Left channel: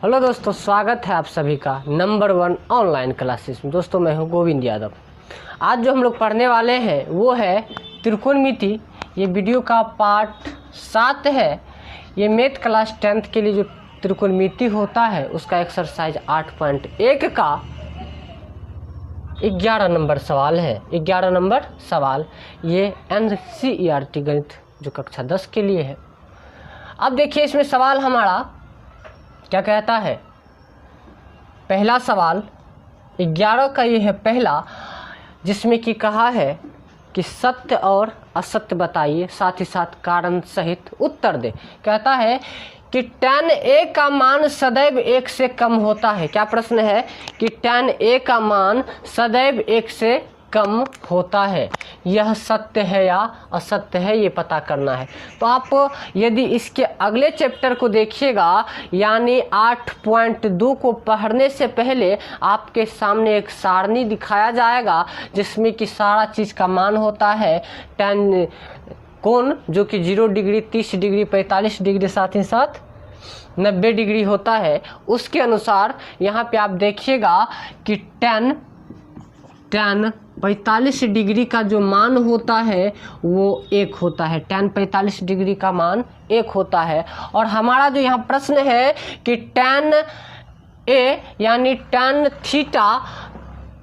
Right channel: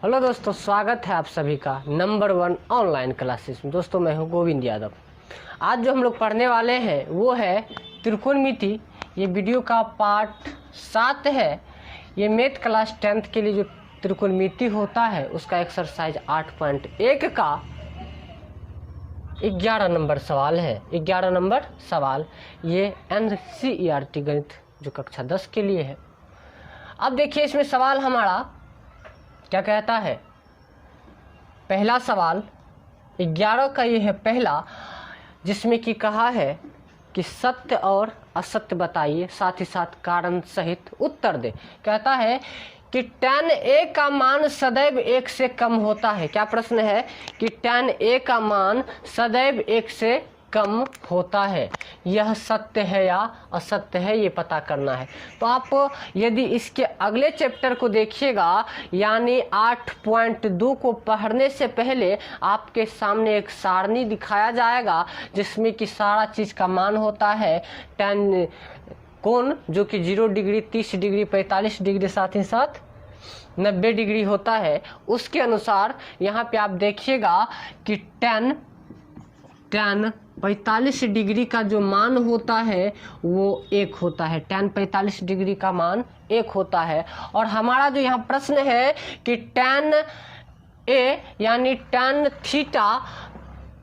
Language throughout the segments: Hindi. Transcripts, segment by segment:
हेलो दोस्तों, स्वागत है आप सभी का नंबर 1 ऑनलाइन क्लासेस में। दोस्तों मैं हूं गोविंद यादव। आज जो हम लोग पढ़ने वाले हैं वो है त्रिकोणमिति। ये वीडियो का पार्ट 7 है। ये मैथ क्लास 10th के लिए जो त्रिकोणमिति होता है उसका एक्सरसाइज 8.1 का 11 नंबर सवाल है। 11 नंबर सवाल ये NCERT गणित जो कक्षा 10 के लिए है। अब देखिए इसमें सवाल हमारा क्या कहता है। पहला सवाल 11 का ये है पहला, जिसमें कि कहा है कि सत्य और असत्य बताइए, साथ ही साथ कारण सहित उत्तर दे। कहता है कि tan a का मान सदैव 1 से कम होता है। क्या प्रश्न है कि tan a का मान सदैव 1 से कम होता है, यह सत्य है या असत्य है, ये पता करना है। तो आप यदि इसके अगले चैप्टर को देखिएगा, यानी 8.2 को पढ़ने से पहले आपके सामने एक सारणी दिखाया जाएगा जिसमें कि सारा चीज़ का मान होता है। tan कोण जो कि 0 डिग्री, 30 डिग्री, 45 डिग्री, साथ ही साथ 90 डिग्री होता है। उसके अनुसार यहाँ पे आप देखिएगा कि tan 45 डिग्री का जो मान होता है वो 1 होता है। tan 45 डिग्री का मान 1 होता है। और हमारा जो यहाँ प्रश्न है कि tan a यानी tan थीटा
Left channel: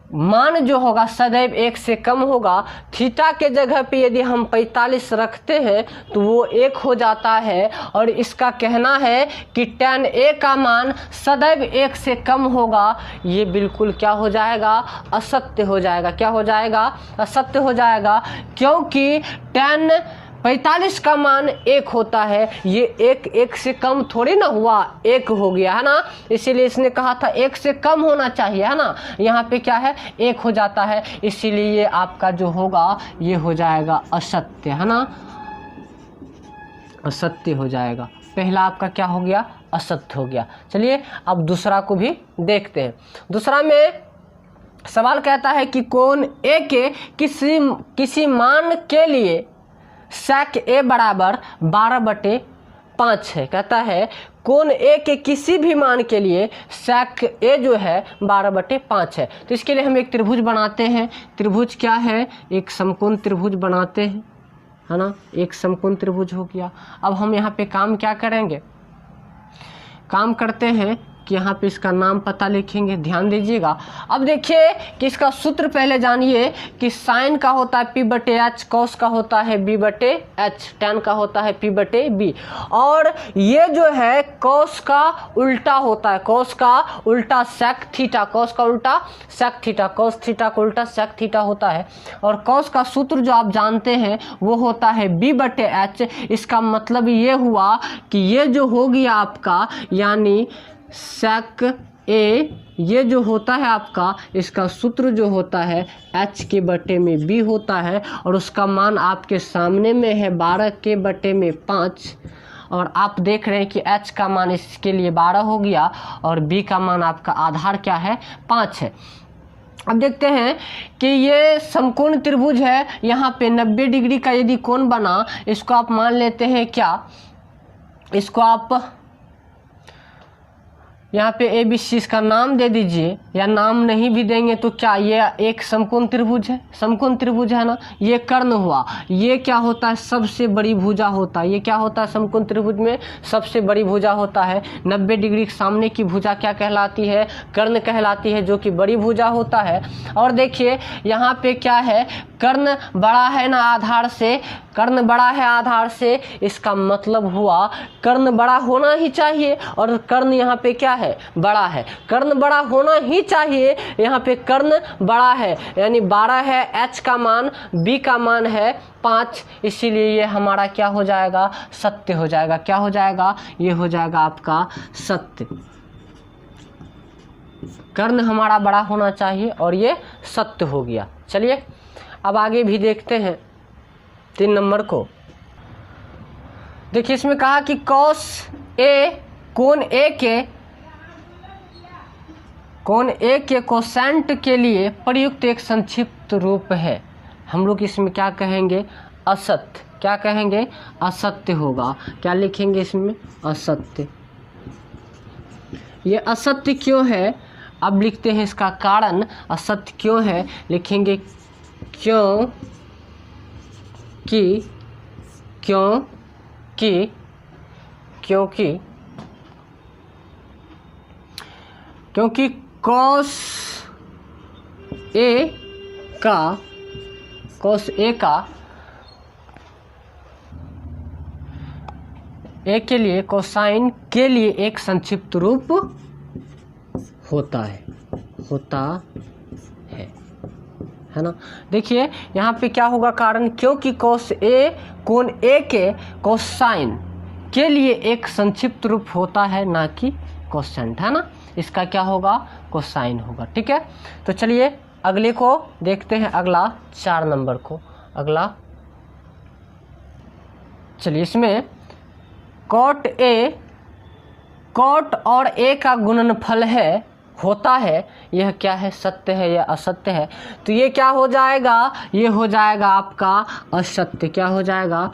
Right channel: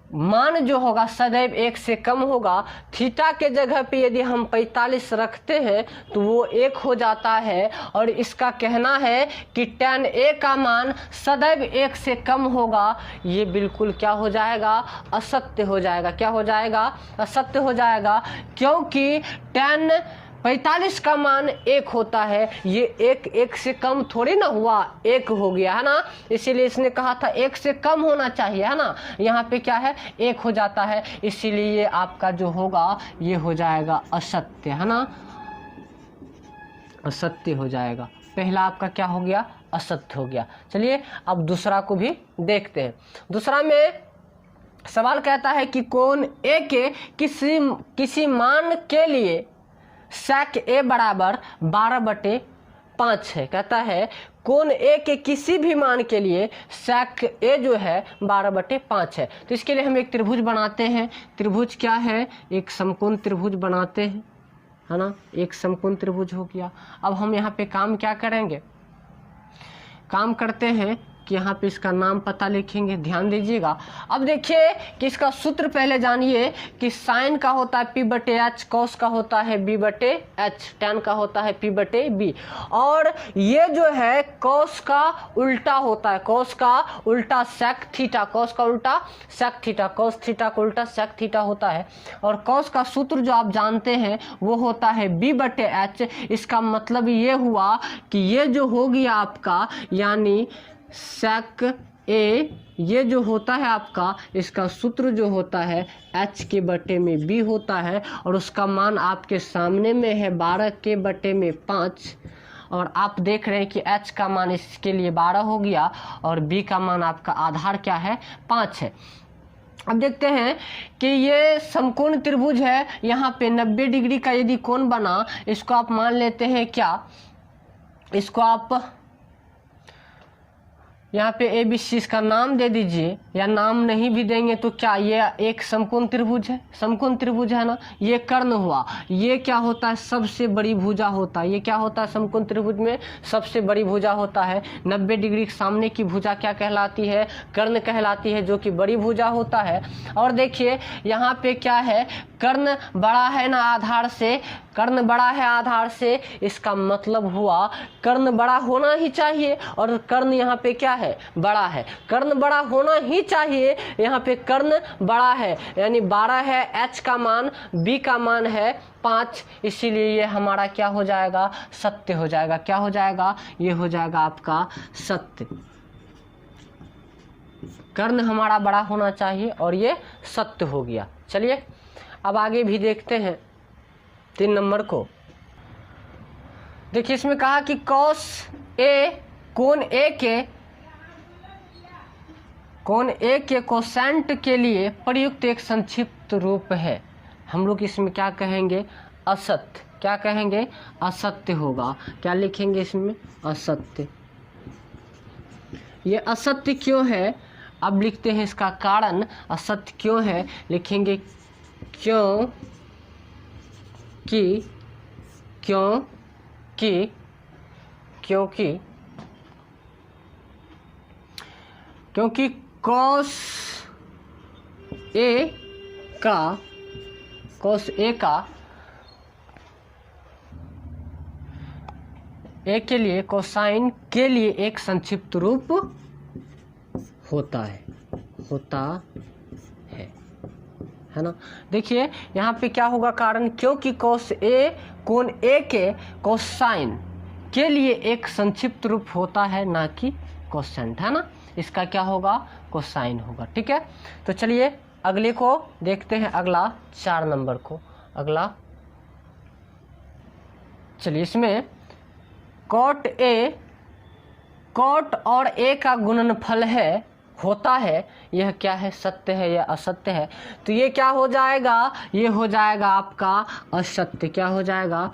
मान जो होगा सदैव 1 से कम होगा। थीटा के जगह पे यदि हम 45 रखते हैं तो वो 1 हो जाता है। और इसका कहना है कि tan a का मान सदैव 1 से कम होगा। ये बिल्कुल क्या हो जाएगा? असत्य हो जाएगा। क्या हो जाएगा? असत्य हो जाएगा, क्योंकि tan 45 का मान 1 होता है। ये 1 से कम थोड़ी ना हुआ, 1 हो गया है ना। इसीलिए इसने कहा था 1 से कम होना चाहिए, है ना। यहाँ पे क्या है? 1 हो जाता है। इसीलिए ये आपका जो होगा ये हो जाएगा असत्य, है ना। असत्य हो जाएगा। पहला आपका क्या हो गया? असत्य हो गया। चलिए अब दूसरा को भी देखते हैं। दूसरा में सवाल कहता है कि कोण A के किसी मान के लिए sec A बराबर 12/5 है। कहता है कोण A के किसी भी मान के लिए sec A जो है 12/5 है। तो इसके लिए हम एक त्रिभुज बनाते हैं। त्रिभुज क्या है? एक समकोण त्रिभुज बनाते हैं, है ना। एक समकोण त्रिभुज हो गया। अब हम यहाँ पे काम क्या करेंगे? काम करते हैं कि यहाँ पे इसका नाम पता लिखेंगे। ध्यान दीजिएगा। अब देखिए कि इसका सूत्र पहले जानिए कि साइन का होता है P/H, कॉस का होता है B/H, tan का होता है P/B। और ये जो है कॉस का उल्टा होता है। कॉस का उल्टा sec थीटा, कॉस का उल्टा sec थीटा, कॉस थीटा का उल्टा sec थीटा होता है। और कॉस का सूत्र जो आप जानते हैं वो होता है B/H। इसका मतलब ये हुआ कि ये जो हो गया आपका, यानी sec A, ये जो होता है आपका, इसका सूत्र जो होता है H/B होता है। और उसका मान आपके सामने में है 12/5। और आप देख रहे हैं कि H का मान इसके लिए 12 हो गया और B का मान आपका आधार क्या है? 5 है। अब देखते हैं कि ये समकोण त्रिभुज है। यहाँ पे 90 डिग्री का यदि कोण बना, इसको आप मान लेते हैं क्या? इसको आप यहाँ पे ABC इसका नाम दे दीजिए, या नाम नहीं भी देंगे तो क्या ये एक समकोण त्रिभुज है? समकोण त्रिभुज है ना। ये कर्ण हुआ। ये क्या होता है? सबसे बड़ी भुजा होता है। ये क्या होता है? समकोण त्रिभुज में सबसे बड़ी भुजा होता है। 90 डिग्री के सामने की भुजा क्या कहलाती है? कर्ण कहलाती है, जो कि बड़ी भुजा होता है। और देखिए यहाँ पे क्या है? कर्ण बड़ा है ना आधार से। कर्ण बड़ा है आधार से, इसका मतलब हुआ कर्ण बड़ा होना ही चाहिए। और कर्ण यहाँ पे क्या है? बड़ा है। कर्ण बड़ा होना ही चाहिए। यहाँ पे कर्ण बड़ा है, यानी 12 है H का मान, B का मान है 5। इसीलिए ये हमारा क्या हो जाएगा? सत्य हो जाएगा। क्या हो जाएगा? ये हो जाएगा आपका सत्य। कर्ण हमारा बड़ा होना चाहिए और ये सत्य हो गया। चलिए अब आगे भी देखते हैं 3 नंबर को। देखिए इसमें कहा कि cos A कोण A के कोसेंट के लिए प्रयुक्त एक संक्षिप्त रूप है। हम लोग इसमें क्या कहेंगे? असत्य। क्या कहेंगे? असत्य होगा। क्या लिखेंगे इसमें? असत्य। ये असत्य क्यों है। अब लिखते हैं इसका कारण, असत्य क्यों है, लिखेंगे क्योंकि cos A के लिए कोसाइन के लिए एक संक्षिप्त रूप होता है ना। देखिए यहाँ पे क्या होगा कारण, क्योंकि cos A कोण A के कोसाइन के लिए एक संक्षिप्त रूप होता है, ना कि कोसेंट, है ना। इसका क्या होगा, कोसाइन होगा। ठीक है, तो चलिए अगले को देखते हैं, अगला 4 नंबर को। अगला चलिए इसमें cot और A का गुणनफल होता है, यह क्या है, सत्य है या असत्य है। तो ये क्या हो जाएगा, ये हो जाएगा आपका असत्य। क्या हो जाएगा,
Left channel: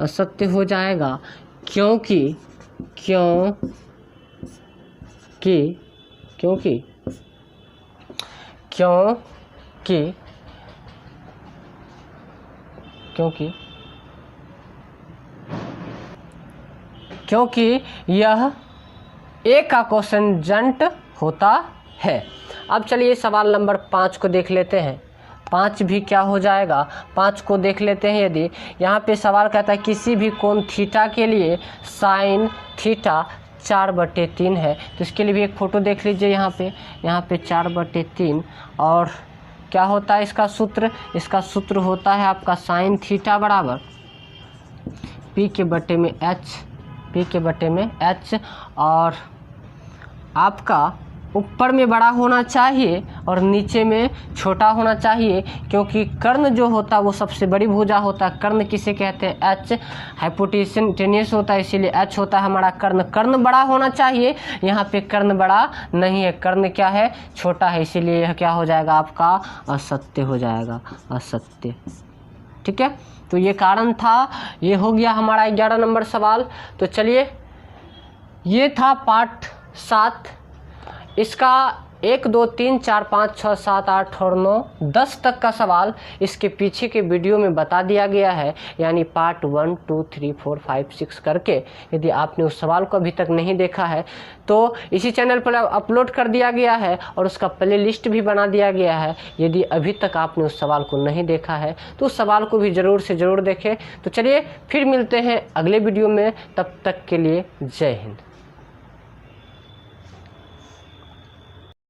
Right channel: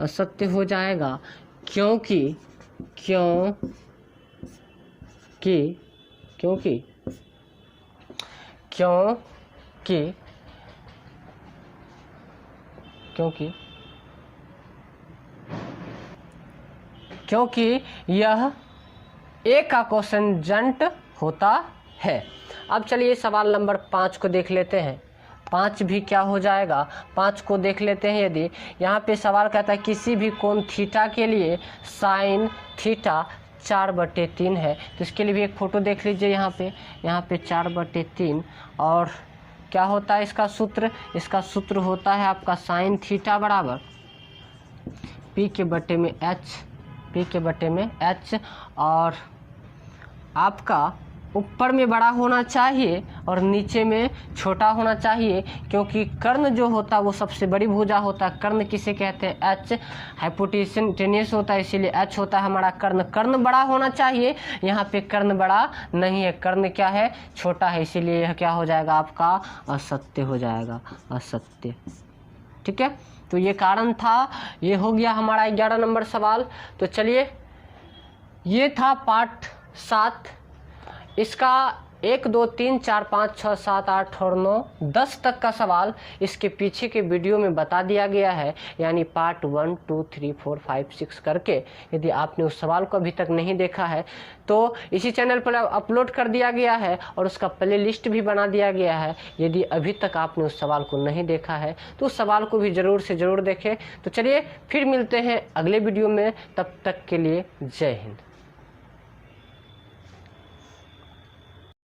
असत्य हो जाएगा, क्योंकि यह A का कोसेंजेंट होता है। अब चलिए सवाल नंबर 5 को देख लेते हैं। 5 भी क्या हो जाएगा, 5 को देख लेते हैं। यदि यहाँ पे सवाल कहता है किसी भी कोण थीटा के लिए साइन थीटा 4/3 है, तो इसके लिए भी एक फ़ोटो देख लीजिए। यहाँ पे 4/3 और क्या होता है इसका सूत्र, इसका सूत्र होता है आपका साइन थीटा बराबर P के बटे में H, और आपका ऊपर में बड़ा होना चाहिए और नीचे में छोटा होना चाहिए, क्योंकि कर्ण जो होता है वो सबसे बड़ी भुजा होता है। कर्ण किसे कहते हैं, H। हाइपोटेन्यूस होता है, इसीलिए H होता है हमारा कर्ण। कर्ण बड़ा होना चाहिए, यहाँ पे कर्ण बड़ा नहीं है, कर्ण क्या है, छोटा है, इसीलिए यह क्या हो जाएगा आपका असत्य हो जाएगा, असत्य। ठीक है, तो ये कारण था। ये हो गया हमारा 11 नंबर सवाल। तो चलिए ये था पार्ट 7। इसका 1 2 3 4 5 6 7 8 और 9 10 तक का सवाल इसके पीछे के वीडियो में बता दिया गया है, यानी पार्ट 1 2 3 4 5 6 करके। यदि आपने उस सवाल को अभी तक नहीं देखा है तो इसी चैनल पर अपलोड कर दिया गया है और उसका प्ले लिस्ट भी बना दिया गया है। यदि अभी तक आपने उस सवाल को नहीं देखा है तो उस सवाल को भी ज़रूर से ज़रूर देखें। तो चलिए फिर मिलते हैं अगले वीडियो में, तब तक के लिए जय हिंद।